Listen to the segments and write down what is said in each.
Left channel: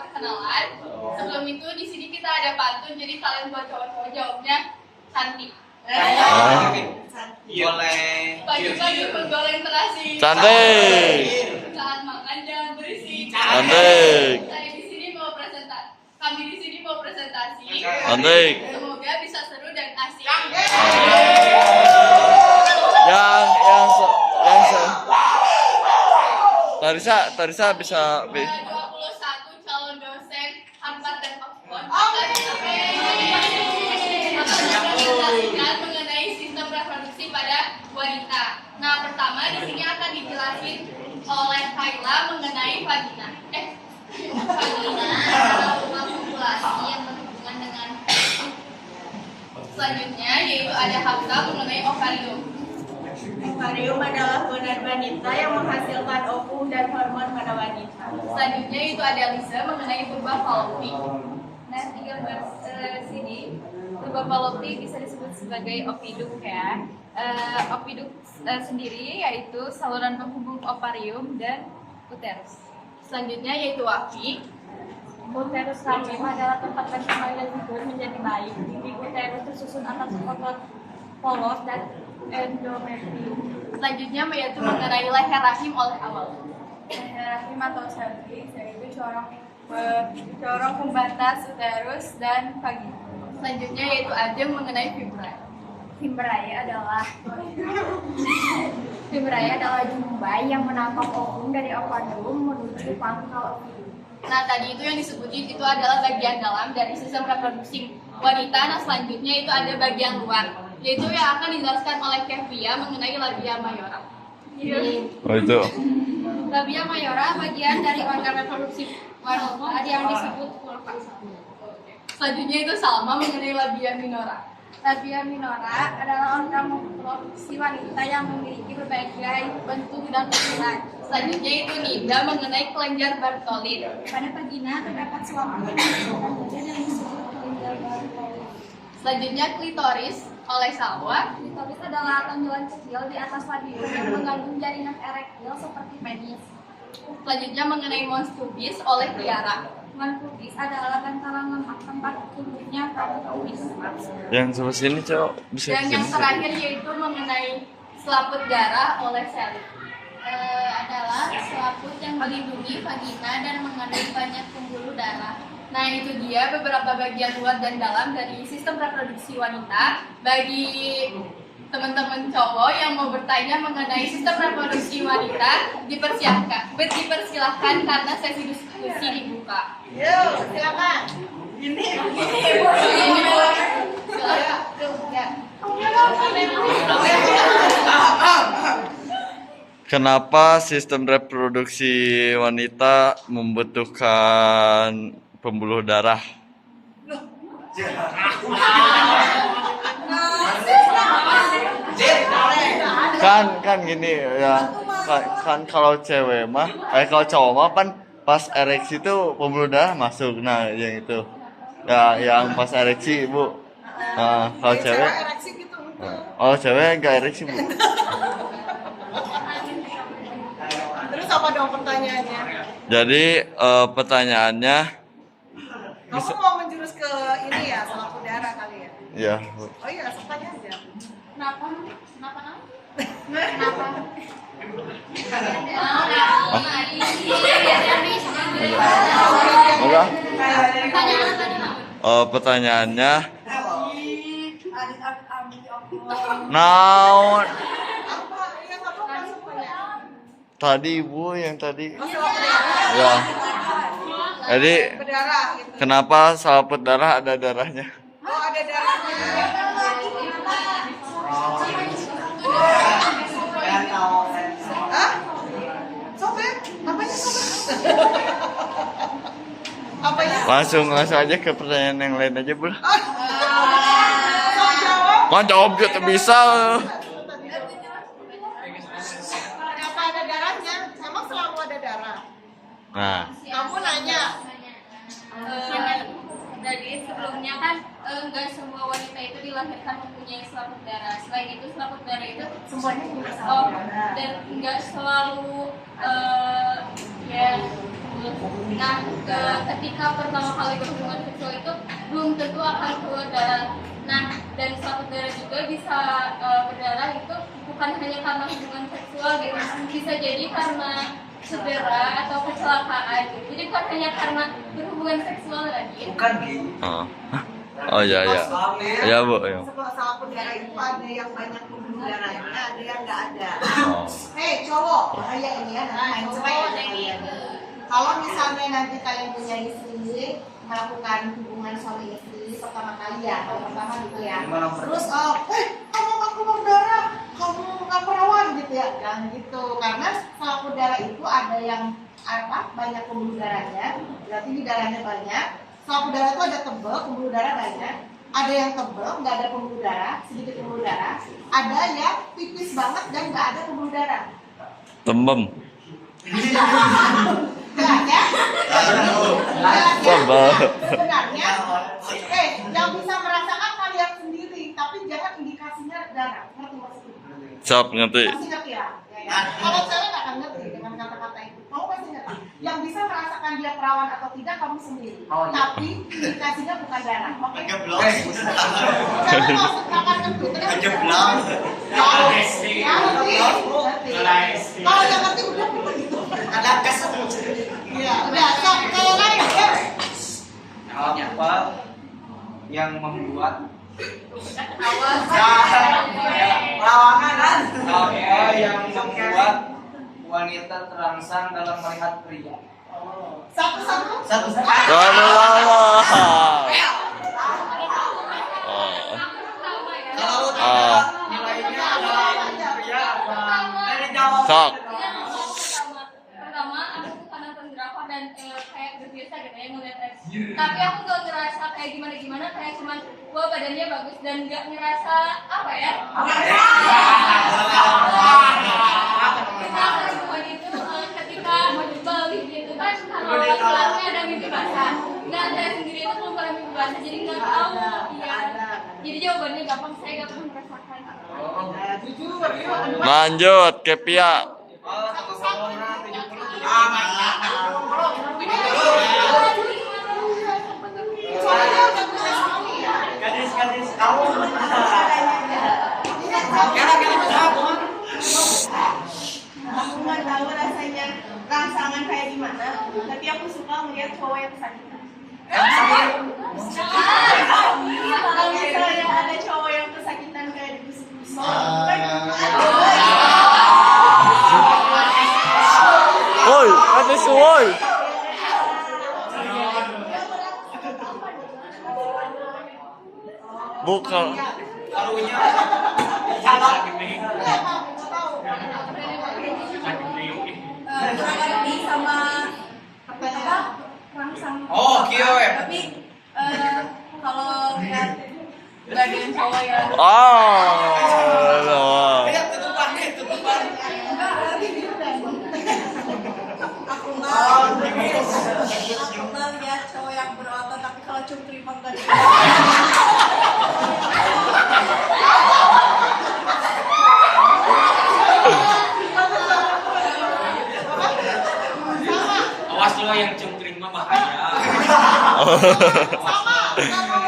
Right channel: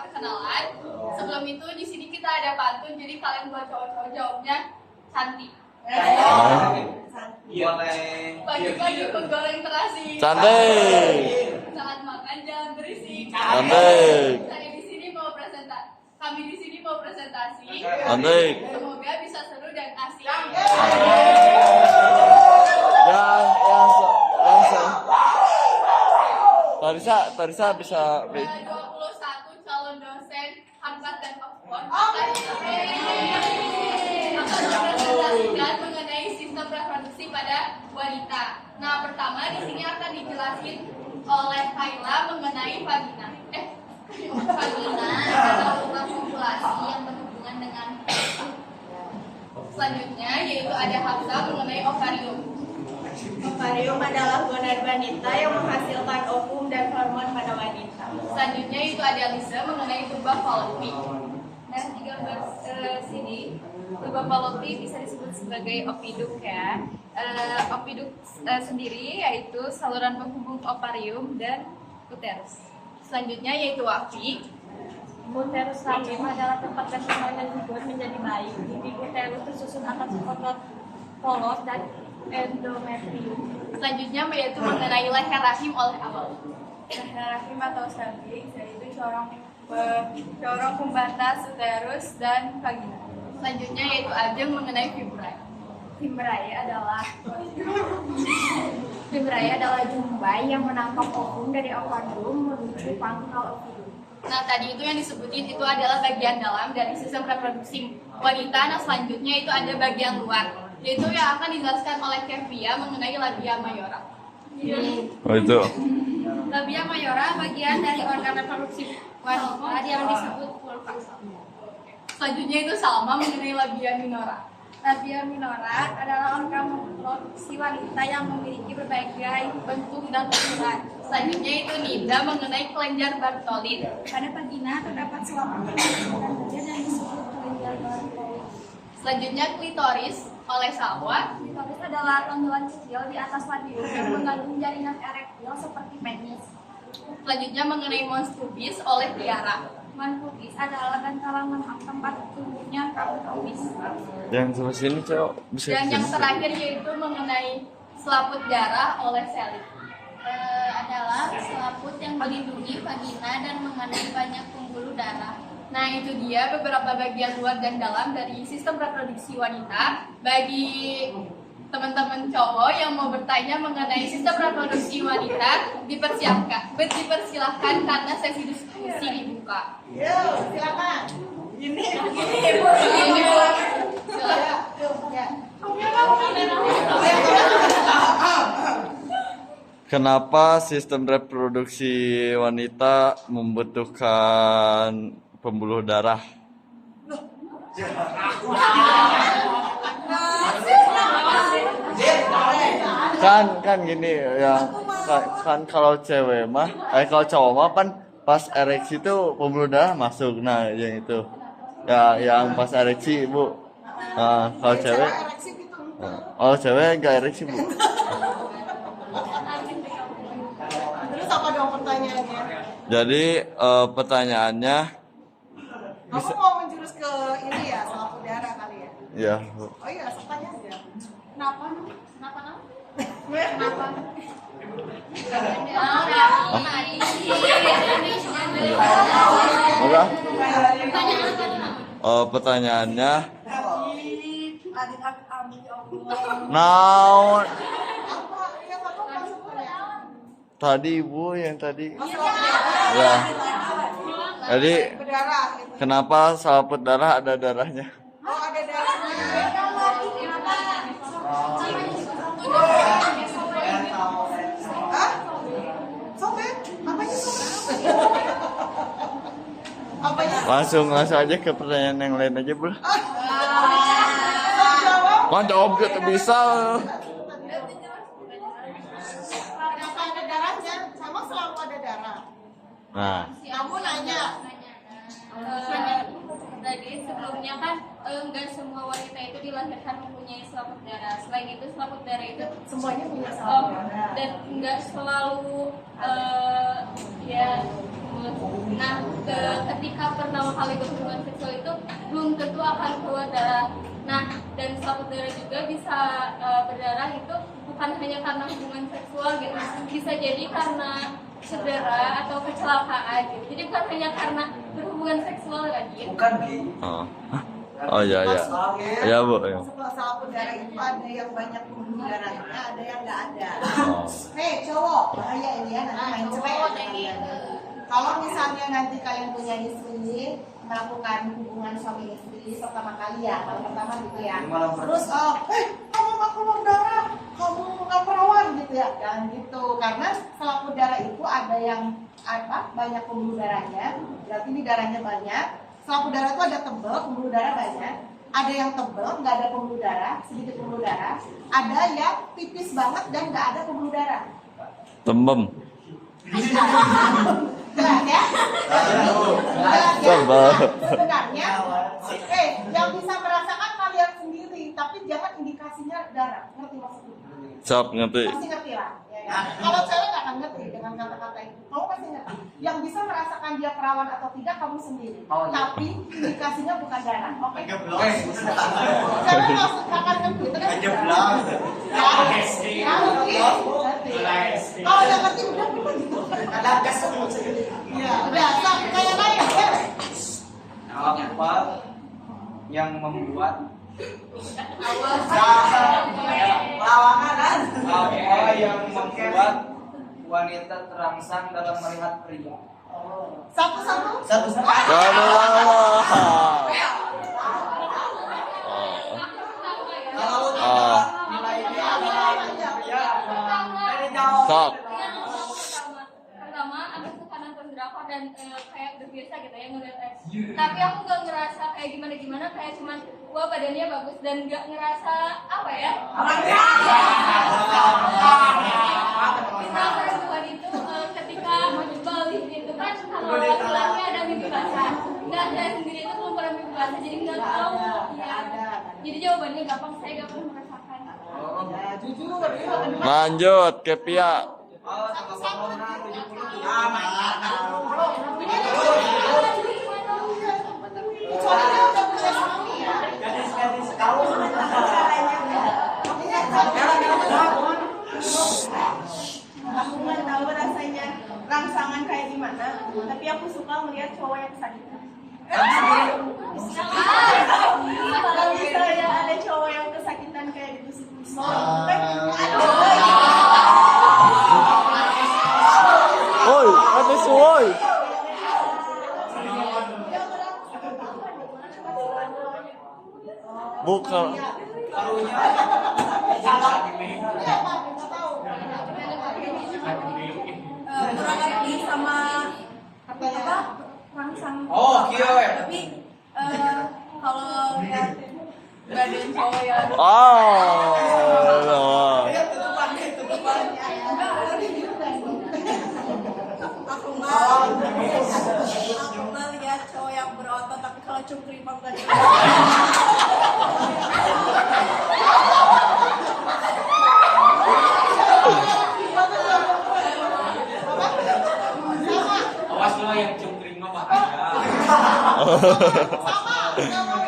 perkenalan. Sebelum itu di sini kita ada pantun, jadi kalian buat cowok-cowok jawabnya cantik. Boleh. Pagi-pagi menggoreng terasi. Cantik. Saat makan jangan berisik. Cantik. Saya di sini mau presentasi. Kami di sini mau presentasi. Cantik. Semoga bisa seru dan asik. Yang Tarisa bisa 21 calon dosen Harvard dan Oxford akan mempresentasikan mengenai sistem reproduksi pada wanita. Nah, pertama di sini akan dijelasin oleh Kayla mengenai vagina. Vagina adalah rumah populasi yang berhubungan dengan. Selanjutnya yaitu ada Hafsa mengenai ovarium. Ovarium adalah gonad wanita yang menghasilkan ovum dan hormon pada wanita. Selanjutnya itu ada Lisa mengenai tuba fallopi. Nah, di gambar sini tuba fallopi bisa disebut sebagai opiduk ya. Opiduk sendiri yaitu saluran penghubung ovarium dan uterus. Selanjutnya yaitu Wafi. Uterus rahim adalah tempat berkembangnya zigot menjadi bayi. Di uterus tersusun atas otot polos dan endometrium. Selanjutnya yaitu mengenai leher rahim oleh awal. Leher rahim atau cervix yaitu corong pembatas uterus dan vagina. Selanjutnya yaitu Ajeng mengenai fibra. Fibra adalah jumbai yang menangkap ovum dari ovarium menuju pangkal ovum. Nah, tadi itu yang disebutin itu adalah bagian dalam dari sistem reproduksi wanita. Nah, selanjutnya itu ada bagian luar, yaitu yang akan dijelaskan oleh Kevia mengenai labia mayora. Oh itu. Labia mayora bagian dari organ reproduksi wanita yang disebut vulva. Selanjutnya itu Salma mengenai labia minora. Labia minora adalah organ reproduksi wanita yang memiliki berbagai bentuk dan ukuran. Selanjutnya itu Nida mengenai kelenjar Bartholin. Pada vagina terdapat selaput yang menghasilkan bagian yang disebut kelenjar Bartholin. Selanjutnya klitoris oleh Salwa. Klitoris adalah tonjolan kecil di atas radius yang mengandung jaringan erektil seperti penis. Selanjutnya mengenai mons pubis oleh Tiara. Mons pubis adalah bantalan lemak tempat tumbuhnya rambut pubis. Yang sebelah sini cowok bisa Dan yang terakhir yaitu mengenai selaput darah oleh Sally. Adalah selaput yang melindungi vagina dan mengandung banyak pembuluh darah. Nah, itu dia beberapa bagian luar dan dalam dari sistem reproduksi wanita. Bagi teman-teman cowok yang mau bertanya mengenai sistem reproduksi wanita, dipersilahkan karena sesi diskusi dibuka. Silakan. Ini Bu. Silakan. Kenapa sistem reproduksi wanita membutuhkan pembuluh darah? Kan gini ya, kan kalau cewek mah, kalau cowok mah kan pas ereksi itu pembuluh darah masuk. Nah, yang itu ya, yang pas ereksi Bu. Nah, kalau cewek, oh cewek nggak ereksi Bu. Terus apa dong pertanyaannya? Jadi pertanyaannya, Kamu mau menjurus ke ini ya, selaput darah kali ya? ya Oh iya, tanya aja. Kenapa? enggak? Pertanyaannya, naon? Tadi Ibu yang tadi. Ya. Jadi Berdarah gitu. kenapa selaput darah ada darahnya? Oh, ada darahnya. Hah? Sobek? Apanya sobek? Apanya? Langsung aja ke pertanyaan yang lain aja, Bu. Mau jawab? Kan jawab gitu bisa. Kenapa ada darahnya? Sama selalu ada darah. Nah, Kamu nanya. Jadi sebelumnya kan nggak semua wanita itu dilahirkan mempunyai selaput darah. Selain itu selaput darah itu Semuanya punya dan nggak selalu ya Nah, ketika pertama kali berhubungan seksual itu belum tentu akan keluar darah. Nah, dan suatu darah juga bisa berdarah itu bukan hanya karena hubungan seksual gitu, bisa jadi karena cedera atau kecelakaan gitu. Jadi bukan hanya karena berhubungan seksual lagi. Bukan gitu. Oh iya iya. Iya Bu. Ya. Setelah salah darah itu ada yang banyak pembuluh darahnya, ada yang nggak ada. Oh. Hei cowok, bahaya ini ya, nanti main cerai ya kalian. Kalau misalnya nanti kalian punya istri, melakukan hubungan suami istri pertama kali ya, kalau pertama gitu ya. Terus, kamu nggak keluar darah, kamu nggak perawan gitu ya, jangan gitu. Karena selaput darah itu ada yang banyak pembuluh darahnya, berarti di darahnya banyak. Selaput darah itu ada tebal, pembuluh darah banyak. Ada yang tebal, nggak ada pembuluh darah, sedikit pembuluh darah. Ada yang tipis banget dan nggak ada pembuluh darah. Tembem. Jelas ya? Tebal. Sebenarnya, yang bisa merasakan kalian sendiri, tapi jangan indikasinya darah. Ngerti maksudnya? Siap ngerti. Pasti ngerti lah. Ya, ya. Kalau cewek nggak akan ngerti dengan kata-kata itu. Kamu pasti ngerti. Yang bisa merasakan dia perawan atau tidak kamu sendiri. Oh, iya. Tapi indikasinya bukan darah. Oke? Cewek maksud akan ngerti. Kalau yang ngerti udah gitu. Ya, udah. Kalau lain ya. Apa yang membuat apa yang membuat wanita terangsang dalam melihat pria? Satu-satu. Sok. Pertama aku bukan nonton drakor dan kayak berbiasa gitu ya ngeliat tapi aku nggak ngerasa kayak gimana kayak cuman wah badannya bagus dan nggak ngerasa apa ya kita perempuan itu ketika balik gitu kan kalau laki-laki ada mimpi basah nggak saya sendiri itu belum pernah mimpi basah jadi nggak tahu ya jadi jawabannya gampang saya nggak pernah merasakan. Lanjut ke Pia. Aku nggak tahu rasanya rangsangan kayak gimana, tapi aku suka melihat cowok yang kesakitan. Kalau misalnya ada cowok yang kesakitan kayak ditusuk-tusuk, kan Woi, ada woi. Bukan. kurang lebih sama apa rangsang. Oh, kio ya. Tapi kalau lihat badan cowok yang aku nggak lihat cowok yang berotot, tapi kalau cungkring mah nggak. Awas lo yang cungkring mah bahaya.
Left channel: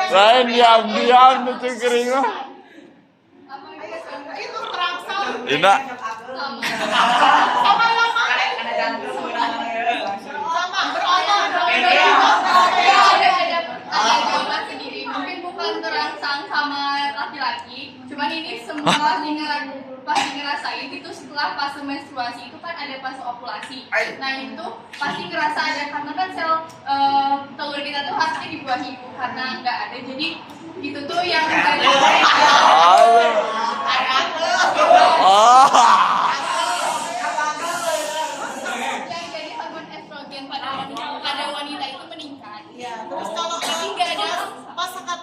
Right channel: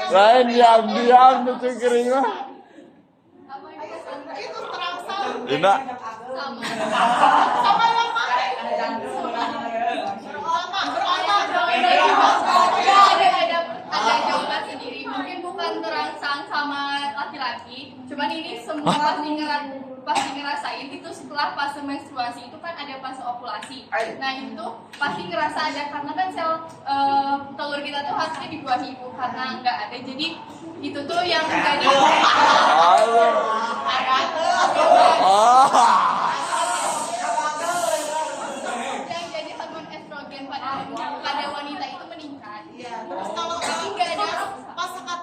Lain diam tuh kering mah. Itu terangsang. Ina. Ada jawaban sendiri mungkin bukan terangsang sama laki-laki cuman ini semua pasti ngerasain itu setelah fase menstruasi itu kan ada fase ovulasi nah itu pasti ngerasa ada karena kan sel telur kita tuh hasilnya di buah ibu karena nggak ada jadi itu tuh yang menjadi yang jadi hormon estrogen pada wanita itu meningkat. Terus kalau Tapi nggak ada pas saat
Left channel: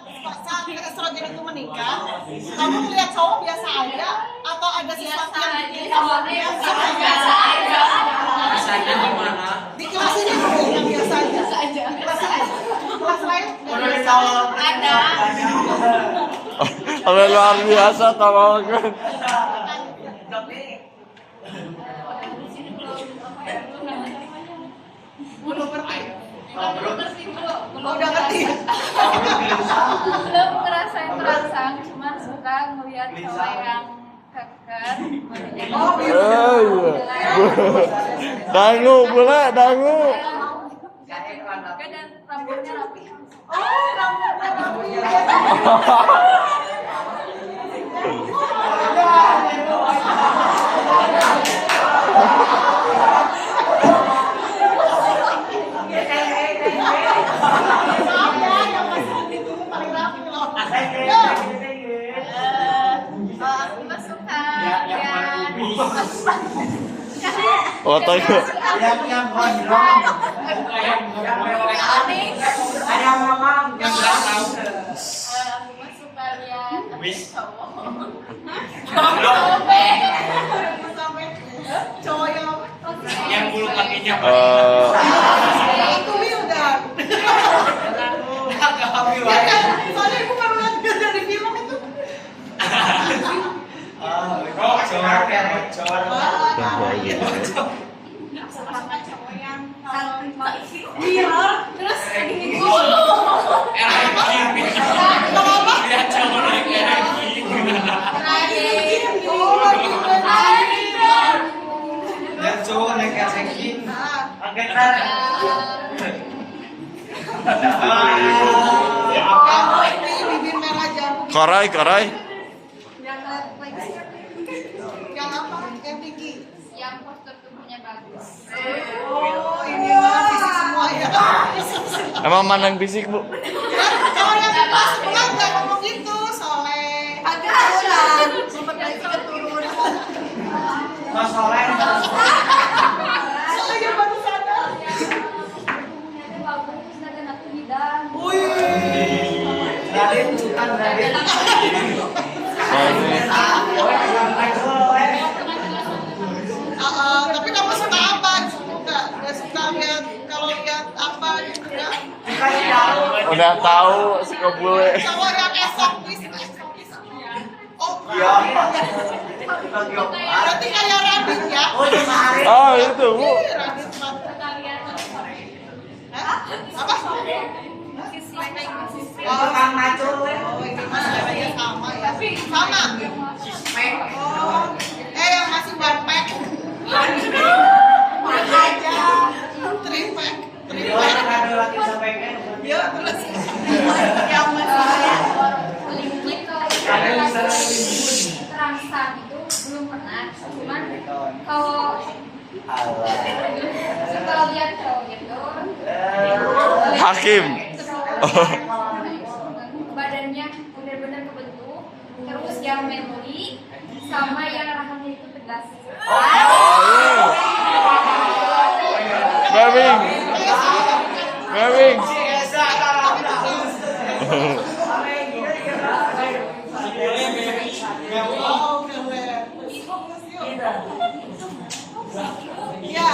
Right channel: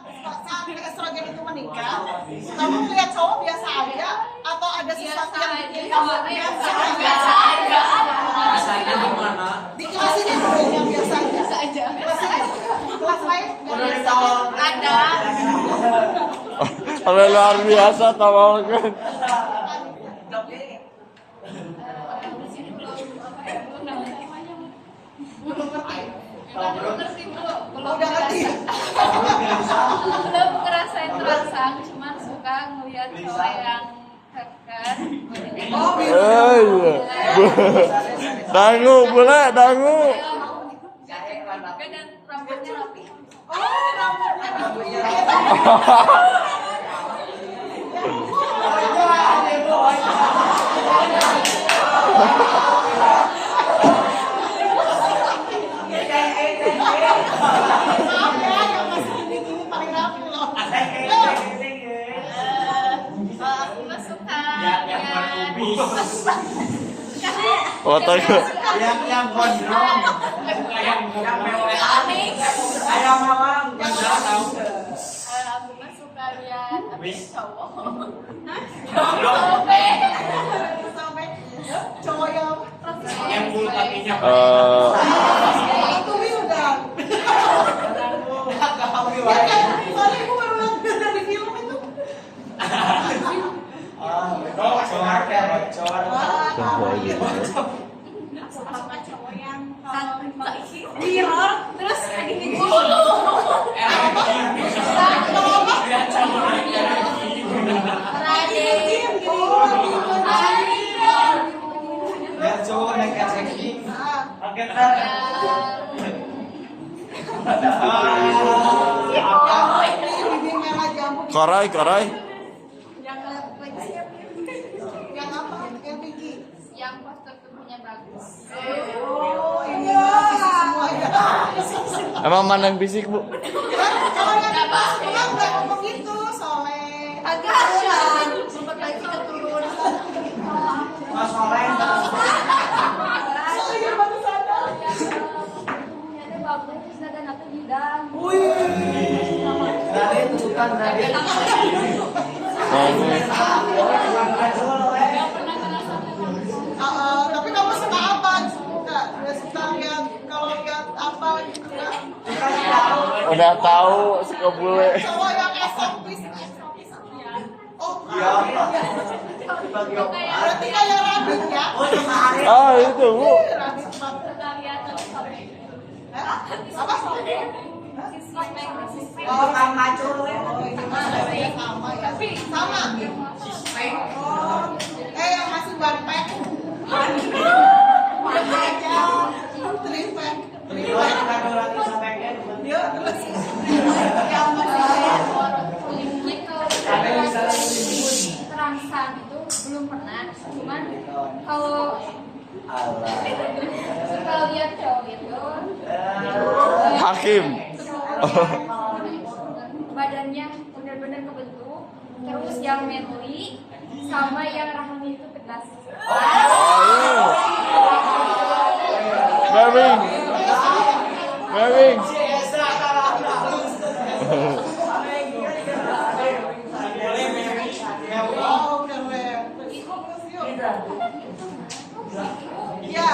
estrogen itu meningkat, kamu melihat cowok biasa aja atau ada sesuatu yang bikin kamu biasa aja? Biasanya gimana? Di kelas ini dulu yang biasa aja. biasa aja. Kelas lain Ada. Kalau luar biasa tolong kan. Di sini belum apa ya belum namanya. udah ngerti. Belum ngerasain terangsang, cuman suka ngeliat cowok yang keker, badannya bagus. Oh iya. Dangu, boleh dangu. Juga dan rambutnya rapi. Aku mah suka lihat Foto yuk. Yang gondrong. aku mah suka lihat cowok. Sampai cowok yang Yang bulu kakinya. itu udah. Ya kan, soalnya ibu baru lihat dia dari film itu. Sama cowok yang kalau mirror terus gini dulu. Dan cowok kan yang seksi. Yang bibir merah jantung. Korai, korai. Yang apa? Yang tinggi. Yang postur tubuhnya bagus. Oh, ini mah fisik semua ya. Emang mandang fisik, Bu? Kalau yang pas nggak ngomong gitu, soleh. Agak sempat lagi keturun. Masalah. Soleh yang baru sadar. Tubuhnya bagus terus dan aku bidang. Raden bukan Raden. Tapi kamu suka apa? Suka lihat kalau lihat apa gitu ya? Udah tahu suka bule. Cowok yang esopis. Oh, Iya. berarti kayak Radit ya? Ah, itu, Bu. Radit mah. Suka lihat sosok Hah? Apa? sisi kayak sisi. Oh, ini mah sebenarnya sama ya. Sama. Oh, yang masih one pack. One aja. Three pack. Ya, terus yang masih Link kalau terangsang itu belum pernah, cuman kalau suka lihat cowok itu Hakim. badannya benar-benar kebentuk, terus yang memori sama yang rahangnya itu tegas. Webbing. Webbing. oh, keren. Ya.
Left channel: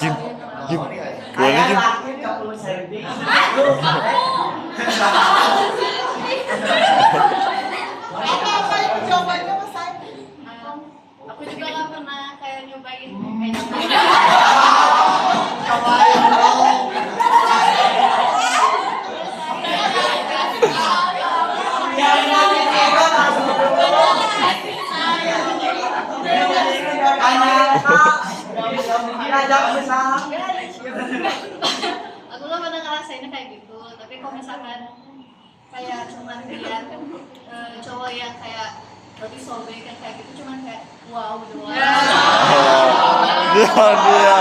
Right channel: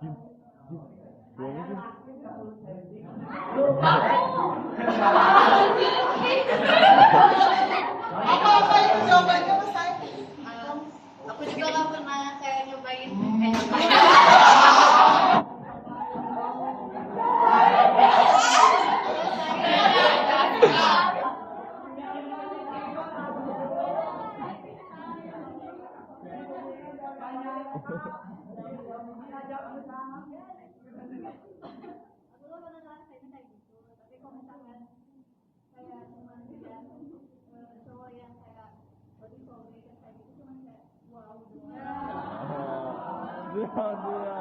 Jim, Jim. Boleh, Jim. Apa yang coba coba saya? Aku juga gak pernah kayak nyobain kayak aku gak pernah ngerasainnya kayak gitu, tapi kalau misalkan kayak cuman lihat cowok yang kayak lebih sobek yang kayak gitu cuman kayak wow doang. Dia.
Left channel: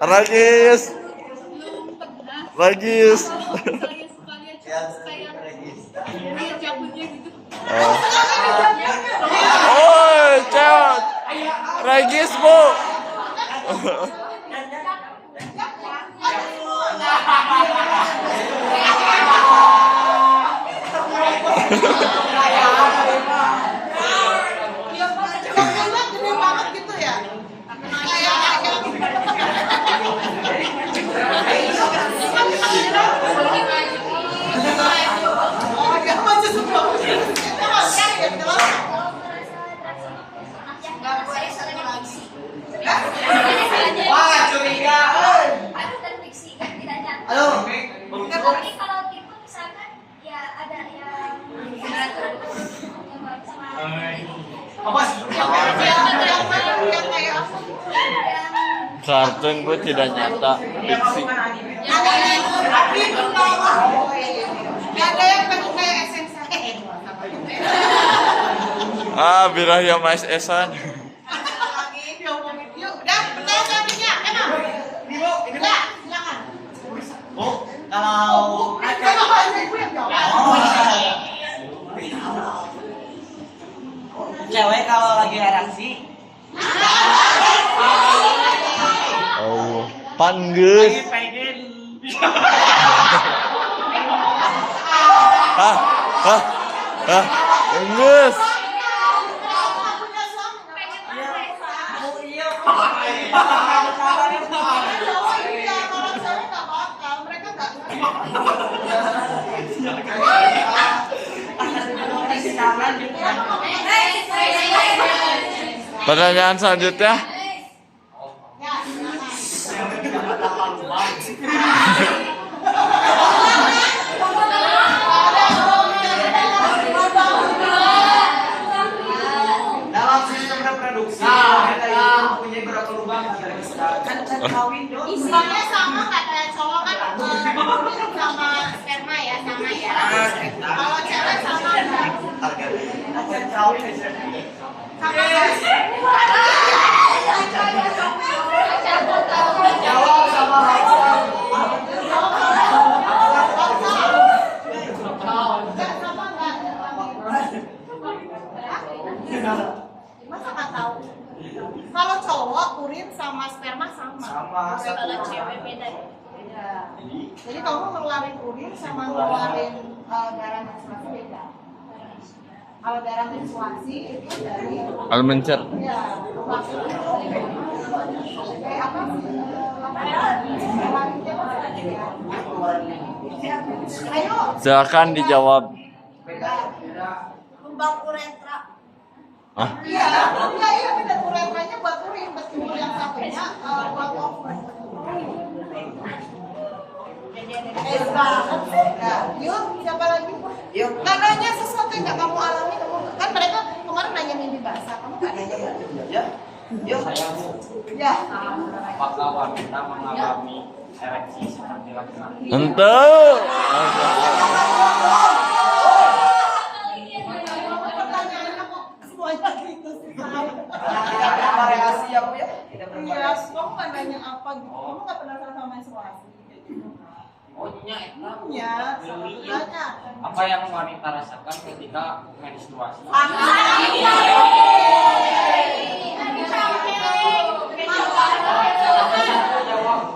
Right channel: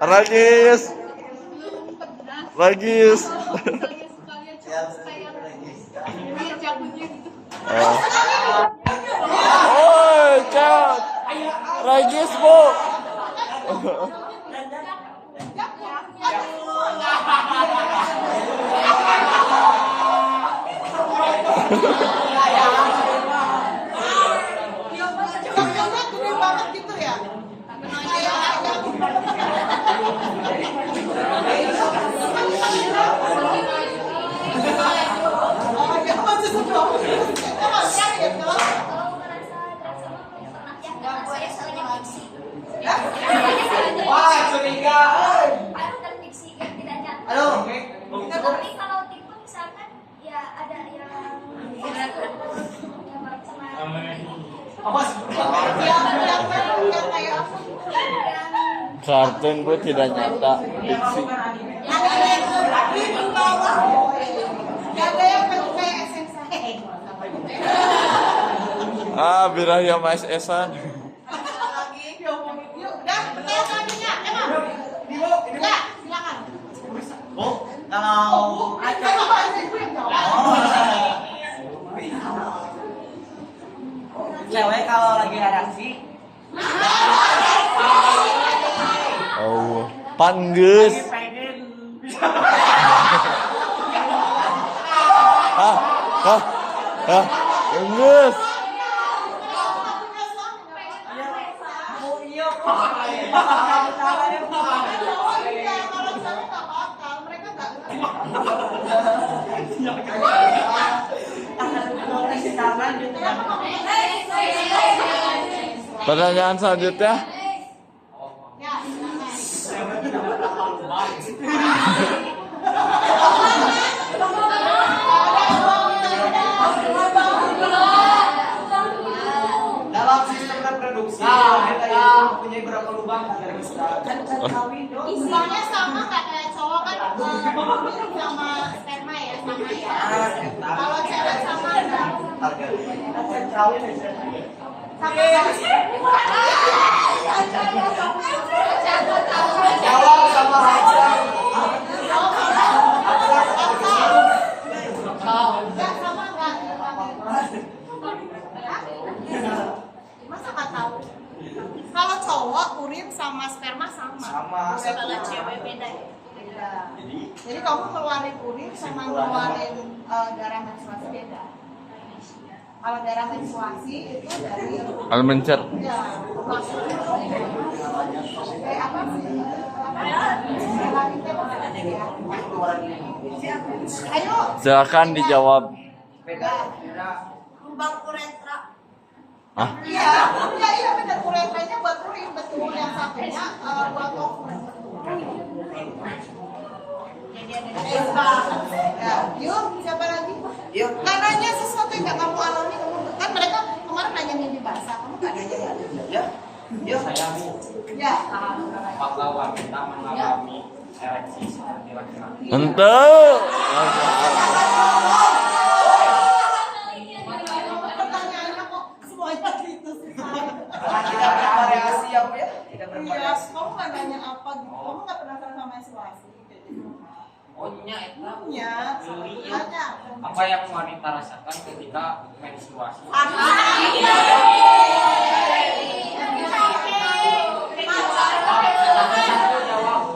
Ragis. Ragis. Misalnya suka lihat cowok kayak lihat jambutnya gitu. Oh, cewek. Ragis, Bu. Coba gede banget gitu ya? Kayak jelas. Kalau merasa drama pernah yang saya soalnya fiksi. Wah, curiga. Aku terfiksi kan tidak nyata. Halo. Tapi kalau tipe misalkan ya ada yang yang baik sama Awas. Yang kayak apa? yang Kartun gue tidak nyata, fiksi. Ada yang kayak esensa. Ah, Birahya Mas Esan. Lagi diomongin yuk. Udah, saya tadinya. Emang. Udah, silakan. Bu, kalau cewek kalau lagi ereksi Oh, panggus. pengen Ah, ah, ah, panggus. Pertanyaan selanjutnya. dalam sistem reproduksi wanita itu mempunyai berapa lubang pada kita? Kan kawin dong. Isinya sama nggak kayak cowok kan? Sama sperma ya, sama ya. Kalau cewek sama nggak? Kan kawin aja. Sama nggak? Jawab sama Hasan. Sama nggak? Masa nggak tahu? Kalau cowok urin sama sperma sama. Sama. Kalau cewek beda ya. Jadi kamu ngeluarin urin sama ngeluarin darah menstruasi beda. Kalau darah menstruasi itu dari Almencer. ya kayak apa sih? Ayo, Silakan dijawab. lubang uretra. Ah, Iya, beda uretranya buat urin, betul yang satunya buat over. Banget sih. Yuk, siapa lagi? Yuk. Nah, nanya sesuatu yang gak kamu alami, kan mereka kemarin nanya mimpi basah, kamu gak nanya ya? Yuk. Ya. Apakah wanita mengalami ereksi seperti laki-laki? ente. Pertanyaannya kok semuanya gitu sih. Tidak bervariasi ya Bu ya? Tidak Iya, bervariasi. kamu gak nanya apa gitu, kamu gak penasaran sama menstruasi. Oh, nya eta. Iya, nanya. Apa yang wanita rasakan ketika menstruasi?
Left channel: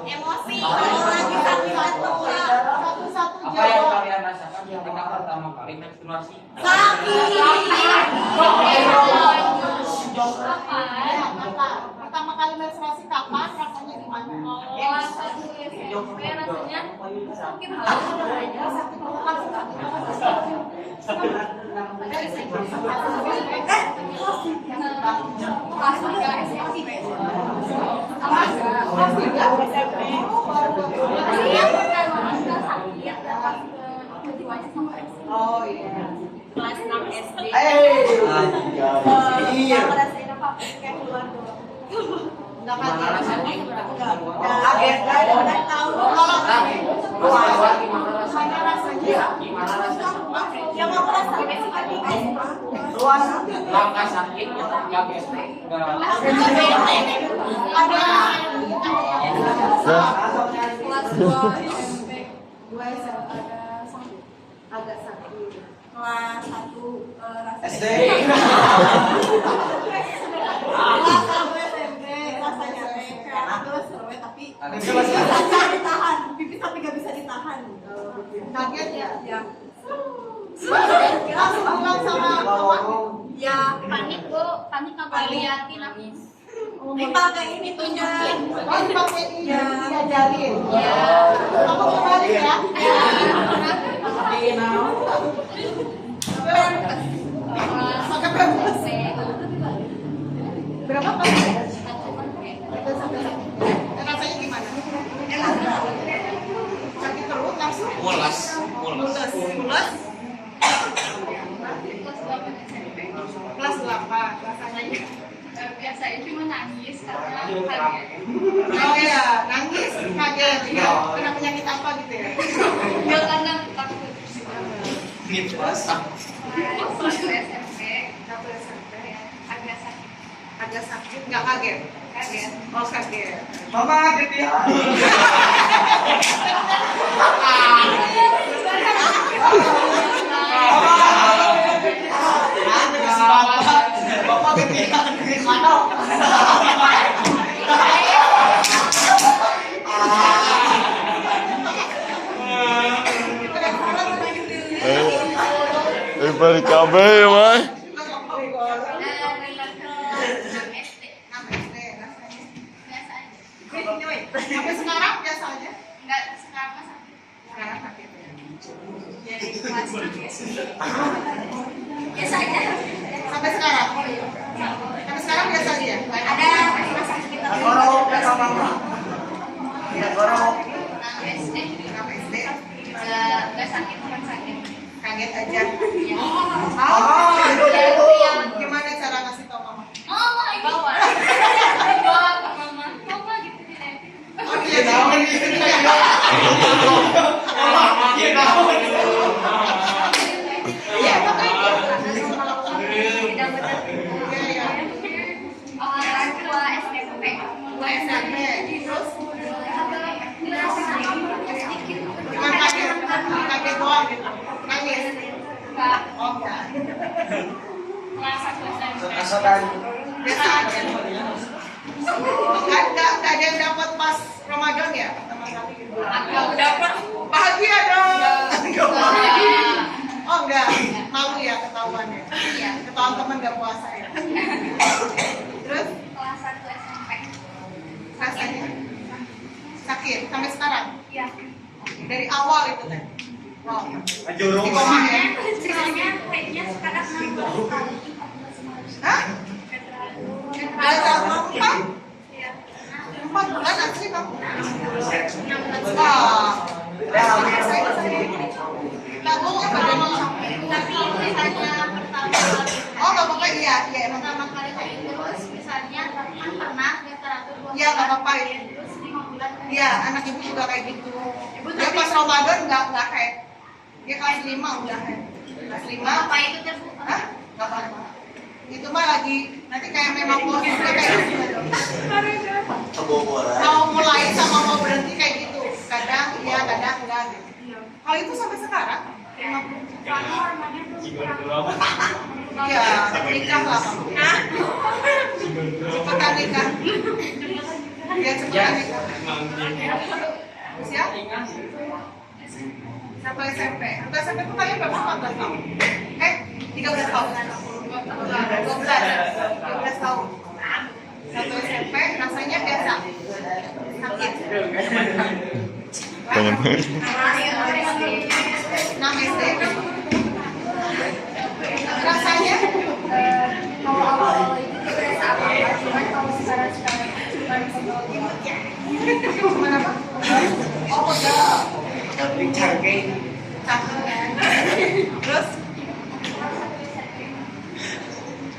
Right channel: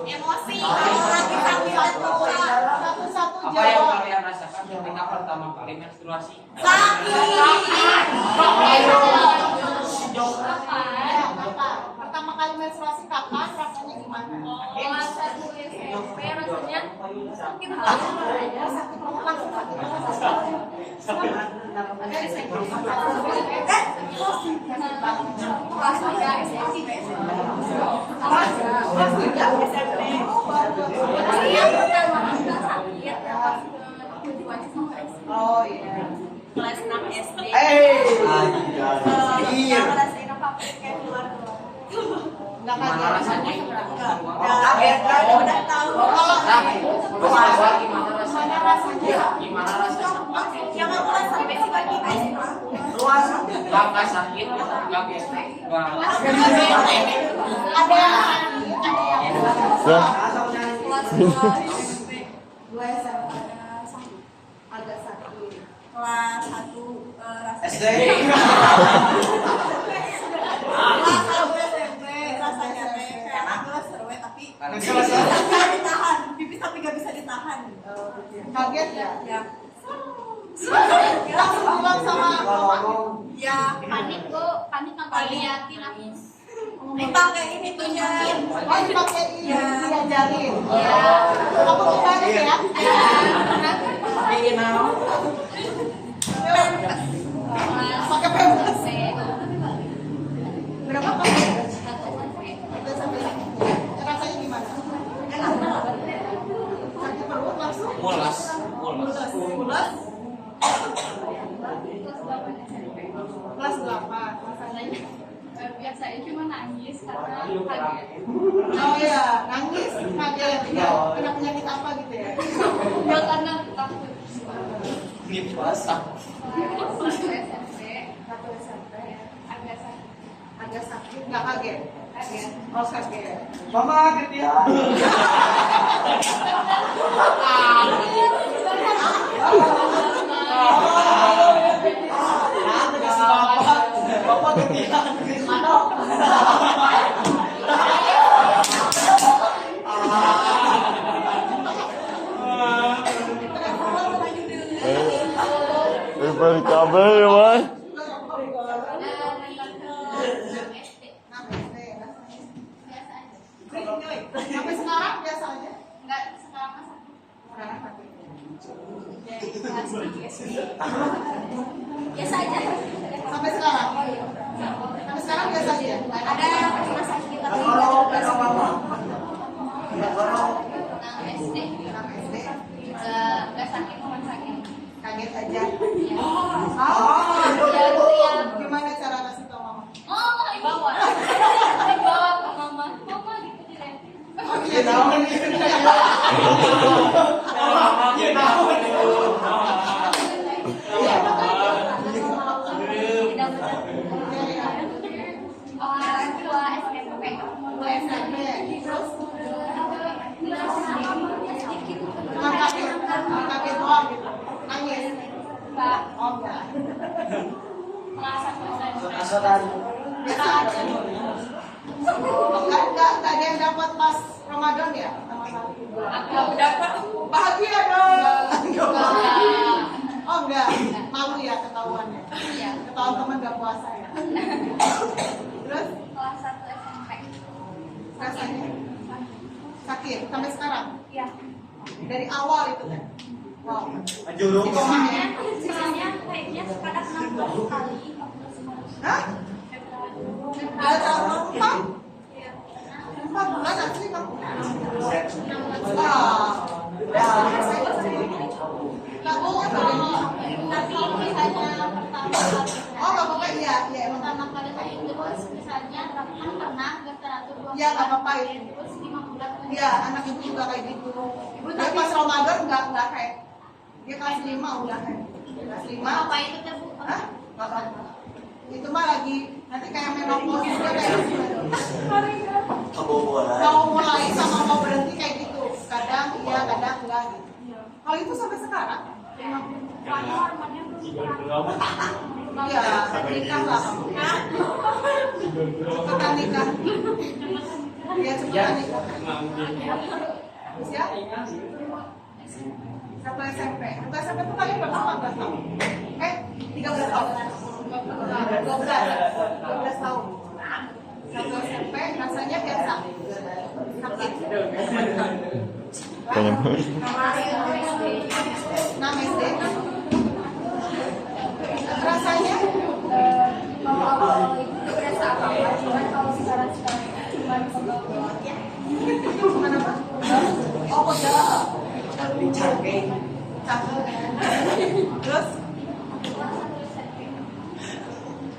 Emosi, kalau lagi sakit satu-satu Apa yang jawab. kalian rasakan ketika pertama kali menstruasi? Ya, kapan? Pertama kali menstruasi kapan? Rasanya gimana? Kelas 1 SMP rasanya sakit Ya, banget. sakit banget, langsung sakit banget. Kelas 3 SMP. Kelas 3 SMP. Yang pertama kita sakit yang pas motivasi sama ex. Oh iya. Kelas 6 SD. Iya. Ngerasain apa kayak keluar. Enggak Gimana rasanya? Kaget kan? udah tahu. Gimana Gimana rasanya? Gimana rasanya? Yang aku rasain sebagai Luas. Nggak sakit, nggak gesek, nggak. ada yang Dah. Kelas 2 SMP. dua SMP ada sakit, agak sakit. Kelas 1 rasanya SD. kelas 1 SMP rasanya teh kayak adalah seru tapi Kelas bisa ditahan, pipis tapi gak bisa ditahan. Kaget ya? Ya, Langsung bilang sama ya panik nggak yakin aku. dipakai ini tuhnya. pakai ini diajarin. Kamu kembali ya? Kelas Oh iya, nangis, kaget, kena penyakit apa gitu ya? Enggak karena takut. Waktu SMP, Agak sakit. agak sakit, nggak kaget? Kaget. Oh kaget. Mama gede. Bapak kepikiran di mana? Balik kabeh ya, Mas. Sampai sekarang biasa aja. Enggak sekarang mah sakit. Sekarang sakit. Jadi kelas biasa aja. Sampai sekarang. Sampai sekarang biasa aja. Ada rasa sakit tapi Ya, orang SD. Kenapa SD? Enggak sakit cuma sakit. Kaget aja. Oh, Gimana cara ngasih tau mama? mama bawa. Bawa ke mama. Mama gitu deh. Oh iya, tahu nih. iya tahu. Iya, makanya. Tidak benar. Iya, iya. Orang tua SMP. Dua SMP. Terus Merasakan apa sedikit. dengan kaget doang gitu. Nangis. Enggak. Oh enggak. Kelas 1 SMP. Biasa aja. Enggak ada yang dapat pas Ramadan ya? Teman-teman gitu. Aku dapat. Bahagia dong. Enggak. Oh enggak, malu ya ketahuannya. Iya. Ketahuan teman enggak puasa ya. Terus Kelas 1 SMP. rasanya sakit sampai sekarang. Iya. Dari awal itu kan. Wow. Ajurung. Di bawah ya. Soalnya kayaknya sekarang 6 kali. Hah? Udah tahun 4 bulan asli kamu. Kamu bagaimana? Tapi itu hanya pertama kali. Oh nggak apa-apa, iya emang. Pertama kali haid terus misalnya kan pernah temperatur 2 Iya nggak apa-apa ya. terus 5 bulan. Iya, anak ibu juga kayak gitu. Dia pas Ramadan nggak haid. Dia kelas 5 udah haid. Kelas 5. Apa itu terbuka? Hah? Nggak apa-apa. Itu mah lagi nanti kayak memang posisinya kayak gitu. Mau mulai sama mau berhenti kayak gitu. Kadang iya, kadang enggak gitu. Hal itu sampai sekarang. Soalnya hormonnya belum kurang. Iya, nikah lah. Cepetan nikah. Iya, cepetan nikah. Usia? Sampai SMP. Sampai SMP tuh kalian berapa tahun? 13 tahun. 12 tahun. Satu SMP rasanya biasa. Sakit. Banyak banget. 6 SD. Rasanya Kalau awal-awal itu tidak berasa apa-apa, cuman kalau sekarang cuman pegel. gimana Pak? Oh, pegel. Cangkeh. Cakep. Terus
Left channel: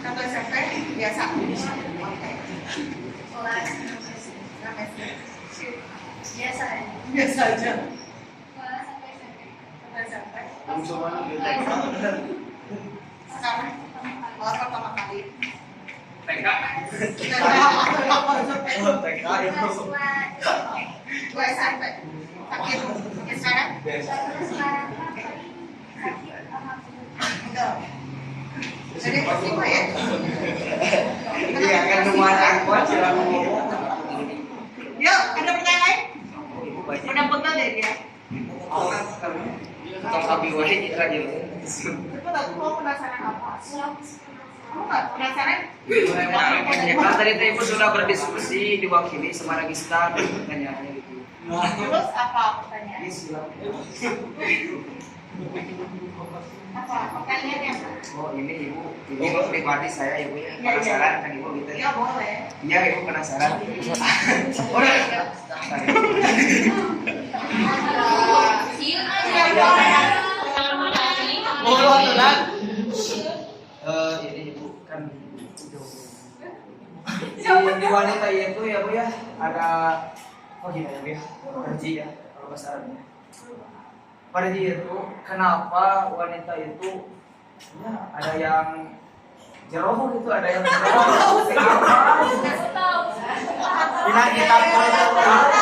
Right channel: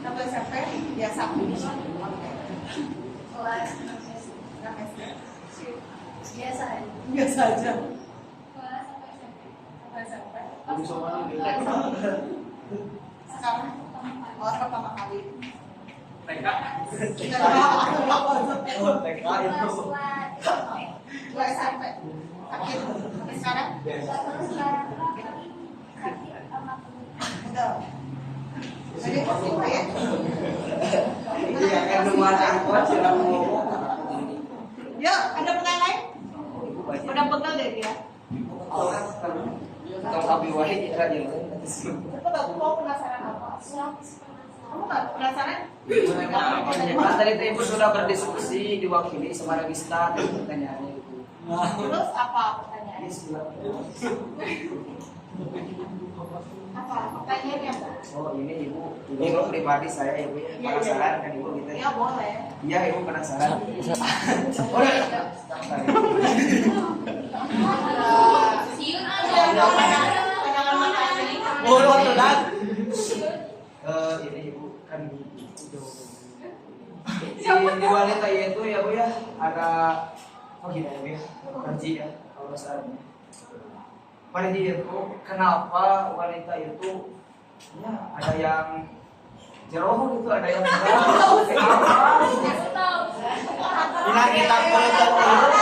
satu SMP biasa. Oke. Kelas 6 SD. biasa ya. Biasa aja. Kelas 1 SMP. SMP. Sekarang Pertama kali. TK. kelas 2 Dua SMP. Sakit. Ya sekarang? Terus sekarang sakit sama Enggak. Jadi percuma ya? Iya kan rumah kuat silakan. Yuk, ada pertanyaan lain? Udah pegel deh dia. Kalau sapi wahid itu aja. Cepet aku mau penasaran apa? Kamu nggak penasaran? Kan tadi ibu sudah berdiskusi diwakili sama Registan pertanyaannya itu. Terus apa pertanyaannya? Apa? Pertanyaannya apa? Oh ini ibu pribadi saya ya bu ya penasaran kan ibu gitu Ya ya? boleh. Iya ibu penasaran. Udah. siun Ini ibu kan di wanita itu ya ada vagina ya, panji ya kalau bahasa Arabnya. Panji itu kenapa wanita itu ya ada yang jeroh itu, ada yang jeroh. Kenapa? Bila kita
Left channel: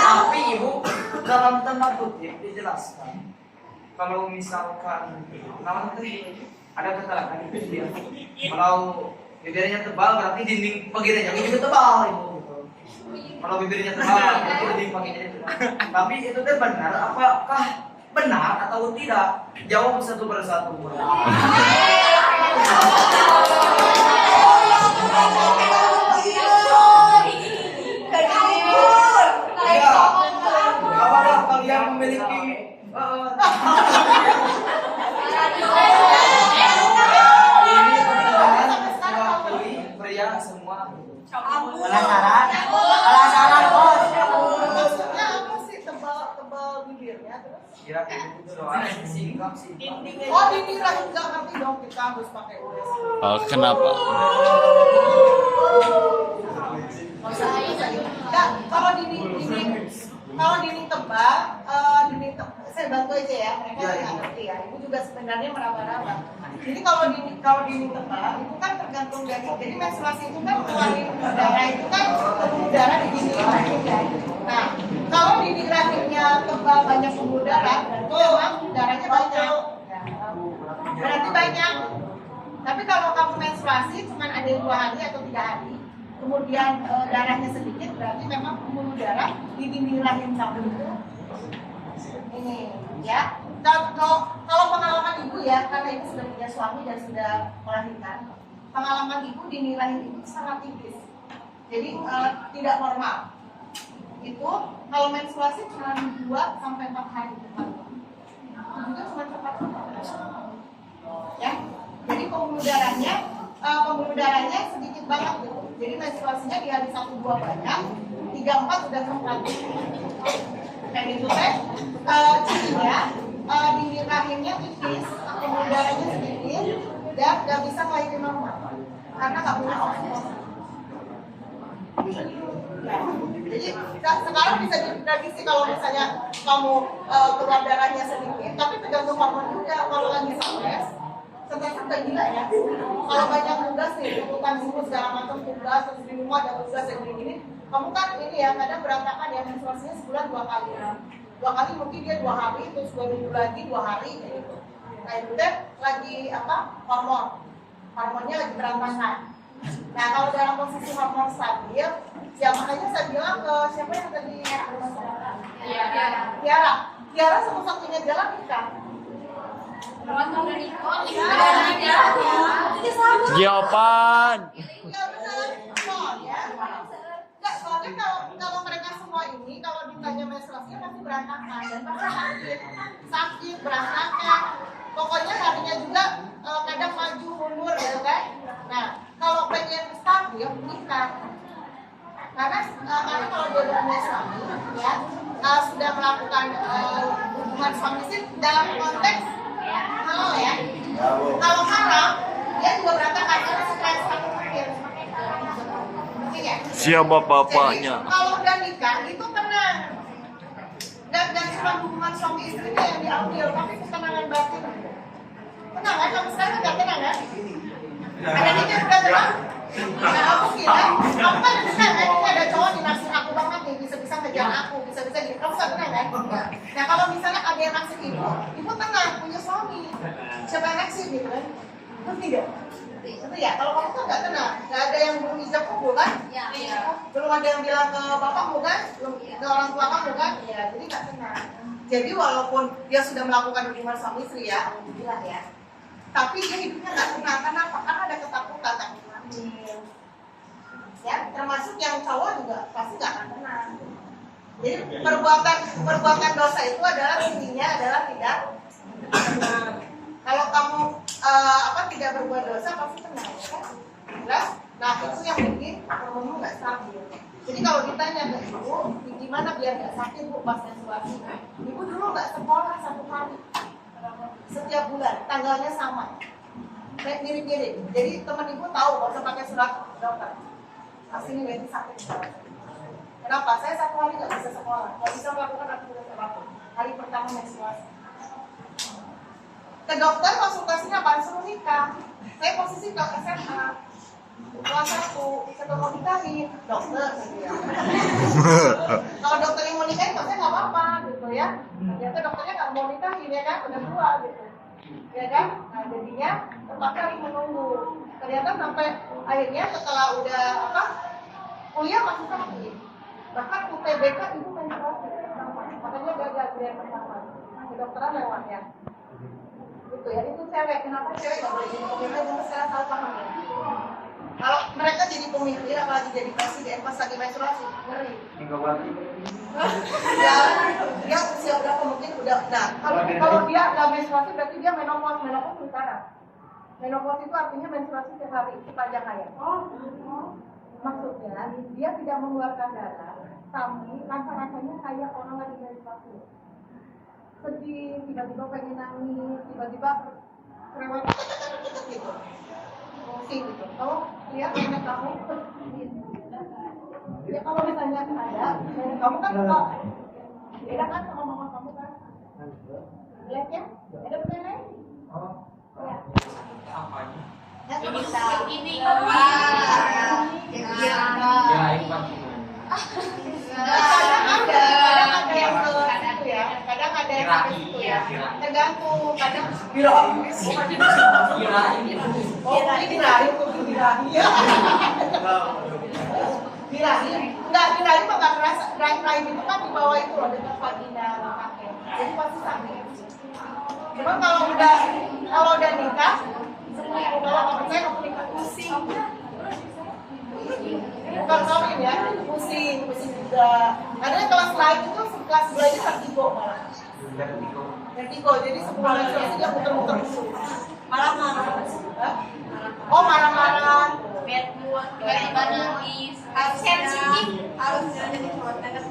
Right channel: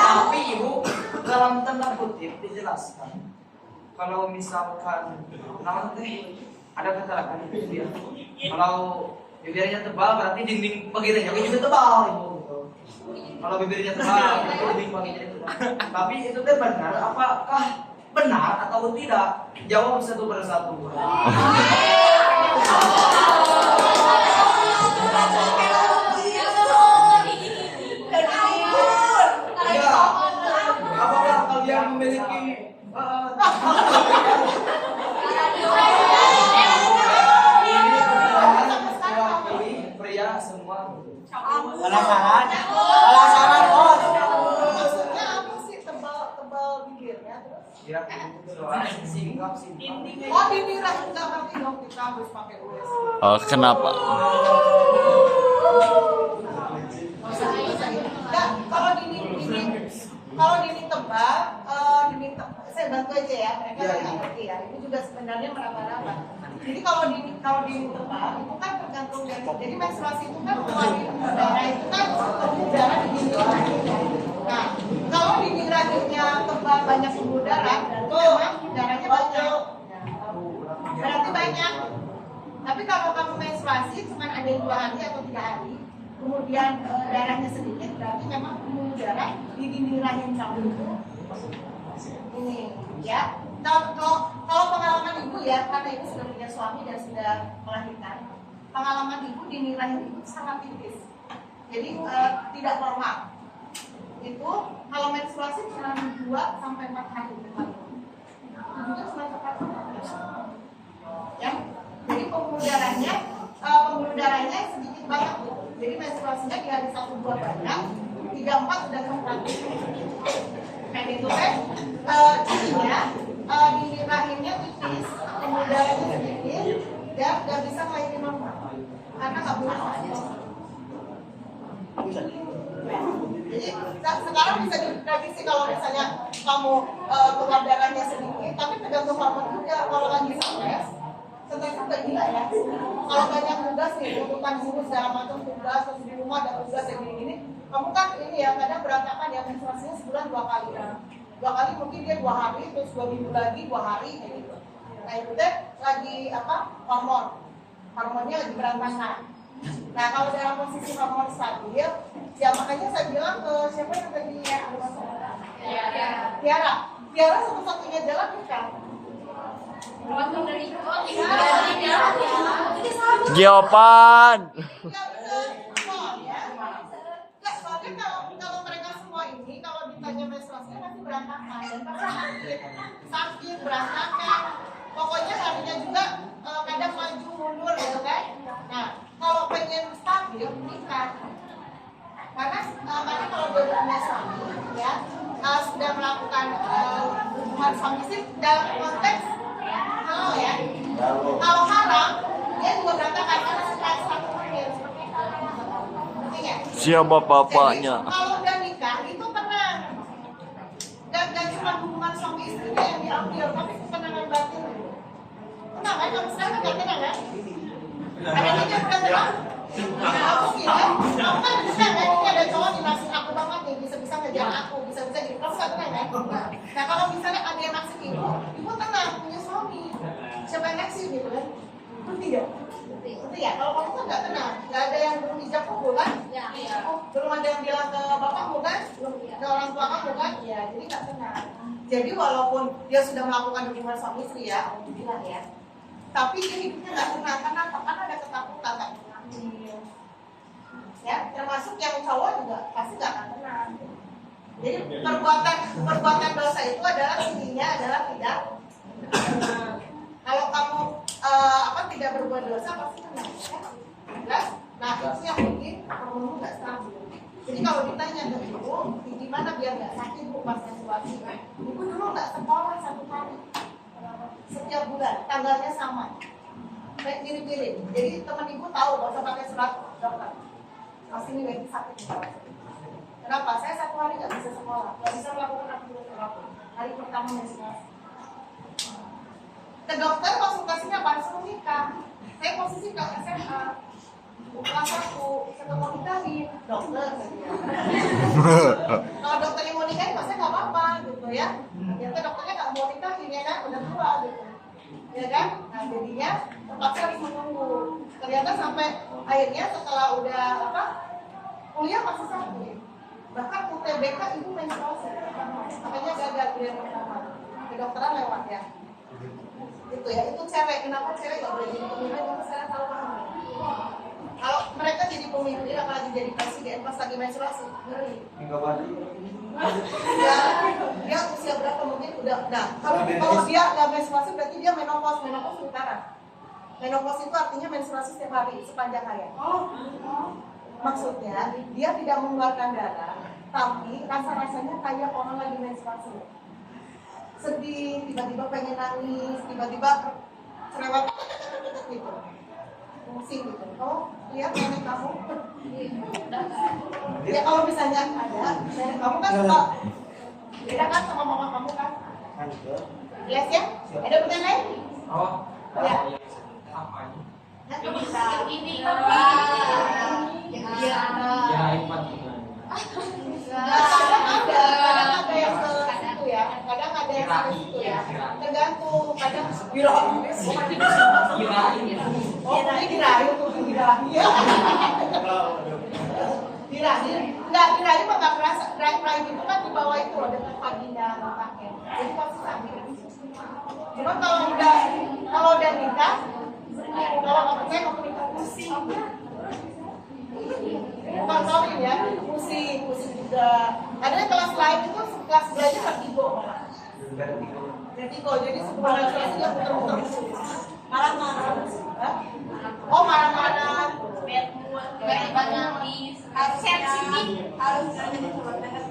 tapi ibu dalam tanda kutip dijelaskan kalau misalkan namun teh ada keterangan itu dia kalau bibirnya tebal berarti dinding vaginanya itu tebal ibu gitu. Kalau bibirnya tebal berarti dinding vaginanya tebal. Tapi itu teh benar apakah benar atau tidak? Jawab satu persatu. Ya, apakah kalian memiliki ini mewakili pria semua? Penasaran? Penasaran bos? Maksudnya apa sih tebal bibirnya terus? Ya, soalnya singkat. Oh, dinding rahim nggak ngerti dong, kita harus pakai US. Oh, kenapa? Nggak, kalau dinding tebal, saya bantu aja ya, mereka nggak ngerti ya. Ibu juga sebenarnya meraba-raba. Jadi kalau dinding tebal, itu kan tergantung dari, jadi menstruasi itu kan keluarin darah itu kan darah di dinding rahim ya. Nah, kalau dinding rahimnya tebal banyak pembuluh darah, berarti memang darahnya banyak. Berarti banyak. Tapi kalau kamu menstruasi cuma ada 2 hari atau 3 hari, kemudian darahnya sedikit, berarti memang pembuluh darah di dinding rahim kamu itu ini ya. Kalau pengalaman ibu ya, karena ibu sudah punya suami dan sudah melahirkan, pengalaman ibu dinding rahim itu sangat tipis, jadi tidak normal. Itu kalau menstruasi cuma 2 sampai 4 hari itu juga cuma cepat ya. Jadi pembuluh darahnya sedikit banget gitu. Jadi menstruasinya di hari 1-2 banyak, 3-4 sudah sempat. Dan itu cirinya dinding rahimnya tipis, pembuluh darahnya sedikit, dan nggak bisa ngelahirin normal karena nggak punya oksigen. Jadi sekarang bisa diprediksi kalau misalnya kamu keluar darahnya sedikit, tapi tergantung hormon juga. Kalau lagi stres udah gila ya. Kalau banyak tugas nih, tuntutan guru segala macam tugas, terus di rumah ada tugas yang gini, kamu kan ini ya kadang berantakan ya, menstruasinya sebulan 2 kali ya. 2 kali mungkin dia 2 hari, terus 2 minggu lagi 2 hari kayak gitu. Nah itu deh lagi hormonnya lagi berantakan. Nah kalau dalam posisi hormon stabil, ya makanya saya bilang ke siapa yang tadi Tiara satu-satunya jalan nikah. Jawaban. Iya benar, soalnya kalau mereka semua ini kalau ditanya menstruasinya pasti berantakan dan pasti sakit berantakan. Pokoknya harinya juga kadang maju mundur gitu kan. Nah kalau pengen stabil nikah, karena kalau dia punya suami ya sudah melakukan hubungan suami istri dalam konteks halal ya. Kalau haram dia juga berantakan karena stres satu makin. Siapa bapaknya? Jadi, kalau udah nikah itu tenang. Dan cuma hubungan suami istrinya yang diambil, tapi ketenangan batin. Tenang kan? Kamu sekarang nggak tenang kan? Ada nikah udah tenang? Nah, aku kira, kamu kan bisa kan? Ini ada cowok di naksir aku banget nih, bisa-bisa ngejar aku, bisa-bisa jadi kamu nggak tenang kan? Nah, kalau misalnya ada yang naksir ibu tenang, punya suami. Siapa yang naksir gitu kan? Ngerti gak? Itu ya, kalau kamu kan nggak tenang, nggak ada yang belum hijab kamu kan? Iya. Belum ada yang bilang ke bapakmu kan? Belum ke orang tua kamu kan? Ya, jadi nggak tenang. Jadi walaupun dia sudah melakukan hubungan suami istri ya, alhamdulillah ya. Tapi dia hidupnya nggak tenang, kenapa? Karena ada ketakutan, takut hamil. Ya, termasuk yang cowok juga pasti nggak akan tenang. Jadi perbuatan dosa itu adalah intinya adalah tidak tenang. Kalau kamu tidak berbuat dosa pasti tenang, kan? Jelas? Nah itu yang bikin hormonmu nggak stabil. Jadi kalau ditanya ke ibu, gimana biar nggak sakit bu pas menstruasi? Ibu dulu nggak sekolah 1 hari, setiap bulan tanggalnya sama, kayak mirip-mirip. Jadi teman ibu tahu nggak usah pakai surat dokter. Pasti ini berarti sakit. Kenapa? Saya 1 hari nggak bisa sekolah, nggak bisa melakukan aktivitas apapun. Hari pertama menstruasi. Ke dokter konsultasinya apa? Suruh nikah. Saya posisi ke SMA. Kelas 1, saya mau nikahin dokter ya. Kalau dokternya mau nikahin, saya nggak apa-apa gitu ya. Ternyata dokternya nggak mau nikahin ya kan, udah tua gitu, ya kan. Nah jadinya terpaksa harus menunggu. Ternyata sampai akhirnya setelah udah kuliah masih sakit. Bahkan UTBK ibu menstruasi pertama, makanya gagal kuliah pertama. Kedokteran lewat ya. Itu ya, itu cewek. Kenapa cewek nggak boleh jadi pemimpin? Kita sekarang salah paham ya. Kalau mereka jadi pemimpin, apalagi jadi presiden pas lagi menstruasi, ngeri. Ya, dia usia berapa mungkin udah. Nah, kalau dia nggak menstruasi berarti dia menopause. Menopause sementara. Menopause itu artinya menstruasi setiap hari sepanjang hayat. Maksudnya dia tidak mengeluarkan darah, tapi rasa-rasanya kayak orang lagi menstruasi. Sedih, tiba-tiba pengen nangis, tiba-tiba cerewet gitu. Pusing gitu. Kamu lihat nenek kamu. Ya kalau misalnya ada, nenek kamu kan suka beda kan sama mama kamu kan? Lihat ya? Ada pertanyaan lain? Ya. Apa ini? Ini kadang ada yang ke situ ya, kadang ada yang ke situ ya, tergantung. Kadang ini dirahi untuk dirahi ya. Dirahi, enggak dirahi mah nggak kerasa. Rahim itu kan di bawah itu loh, dekat vagina kakek, jadi pasti sakit. Cuman kalau udah nikah, kalau nggak percaya kamu nikah pusing. Bukan kawin ya, pusing juga. Ada kelas lain itu kelas belajar vertigo malah. Vertigo, jadi sebelum menstruasi dia muter-muter dulu. Marah-marah. Oh marah-marah. bad mood, bad nangis, harus sensitif, Harus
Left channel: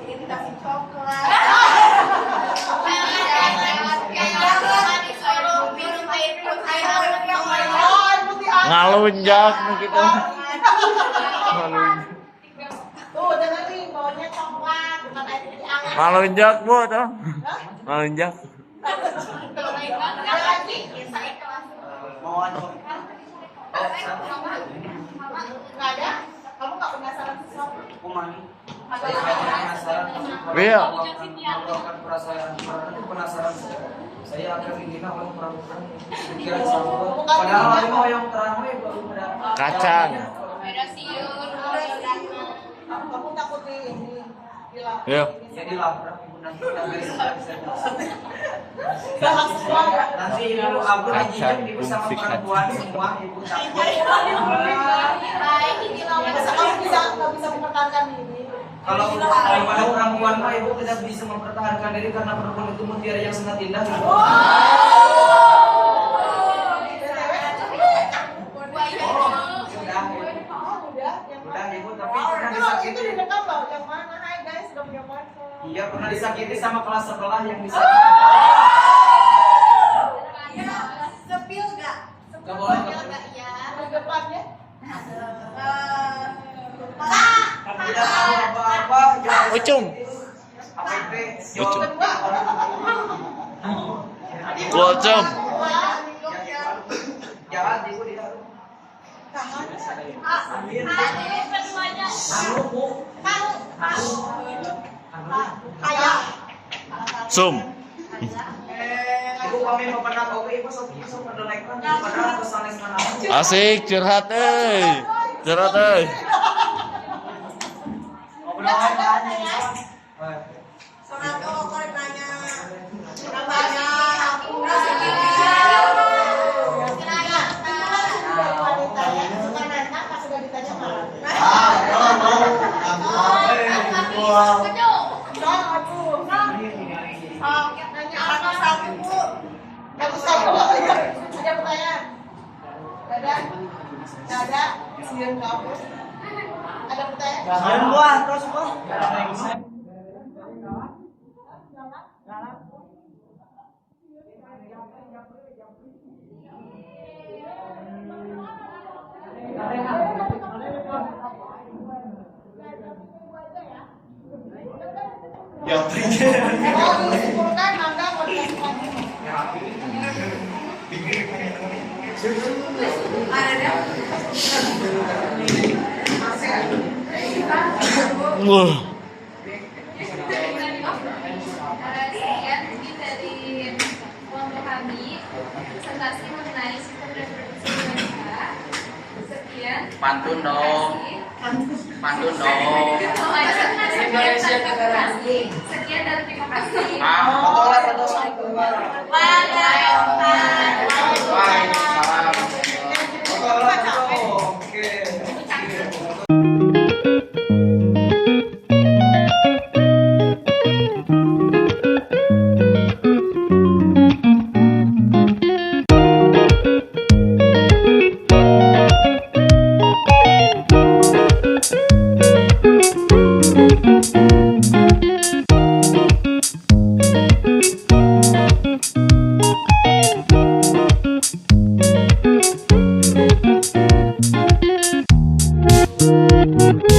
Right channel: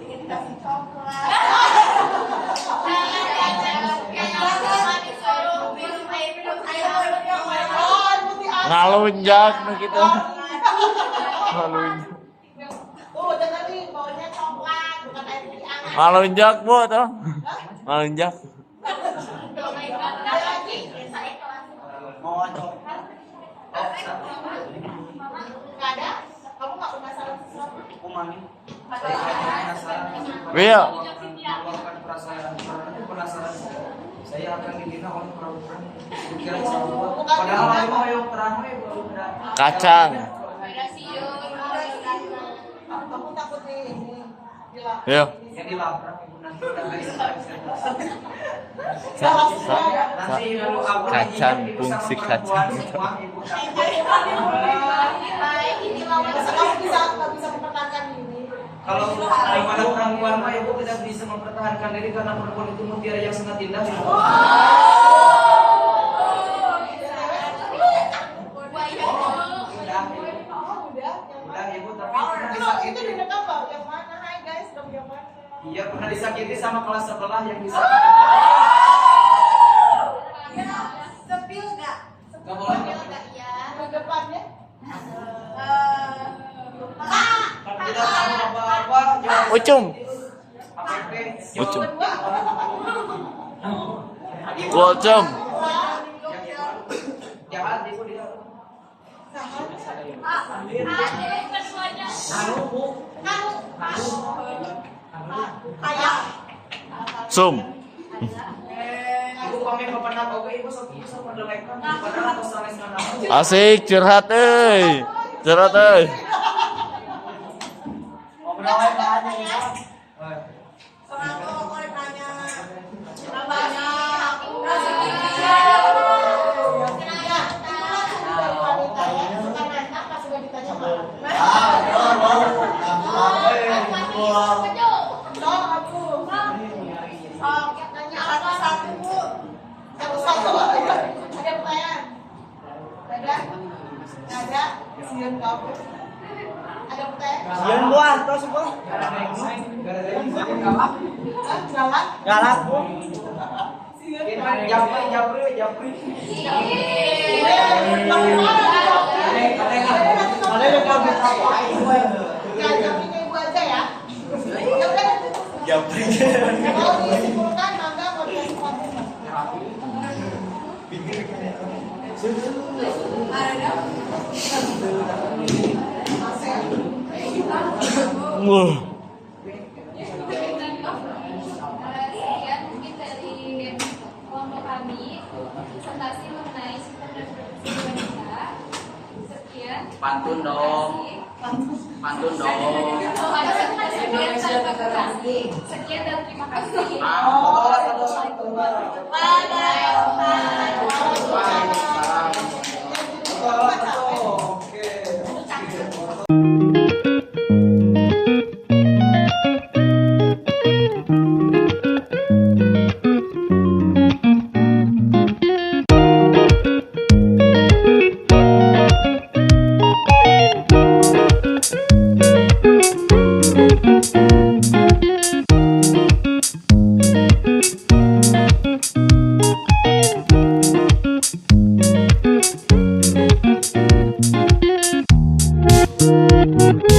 dikasih coklat. Ngalunjak nu kitu. Ngalunjak. Tuh dengerin, bawanya coklat, bukan air putih anget. Ngalunjak bu tuh. Ngalunjak. Ada lagi? Nggak ada? Kamu nggak penasaran sesuatu? Iya. Penasaran. Saya akan dihina oleh perempuan. Pikiran saya. Padahal mau yang terang Kacang. Kamu takut ini? Gila. Iya. Jadi lapar ibu nanti nanti ibu aku Kacang ibu sama fungsi perempuan kacang. semua ibu takut. Masa kamu nggak bisa mempertahankan diri? Kalau pada perempuan mah ibu tidak bisa mempertahankan diri karena perempuan itu mutiara yang sangat indah. Ibu. Udah ibu tapi pernah Itu disakiti. direkam loh, yang mana? Hai guys, udah punya pacar. Iya pernah disakiti sama kelas sebelah yang disakiti. Sepil nggak? Nggak boleh. Di depannya? Kamu tidak tahu apa-apa. jawab. Ucum. Apa itu? Ucum. Kedua. Gocem. Jahat ibu tidak. Sum. Ibu kami mau pernah tahu ibu sama delaikan pernah pesanes mana? Asik curhat euy. Curhat euy. Mau pernah nanya ya? Ada pertanyaan? Ada? Sian kamu? Ada pertanyaan? Jangan buah, terus buah. Galak? Galak. Japri. Ya, Japri ke ibu aja ya. Mau disimpulkan, mangga mau dikasih pandangan. Wah. Sekian mungkin dari kelompok kami presentasi mengenai sistem reproduksi wanita. Sekian. Pantun dong. Pantun dong. Sekian dan terima kasih. Foto, foto. Wadah.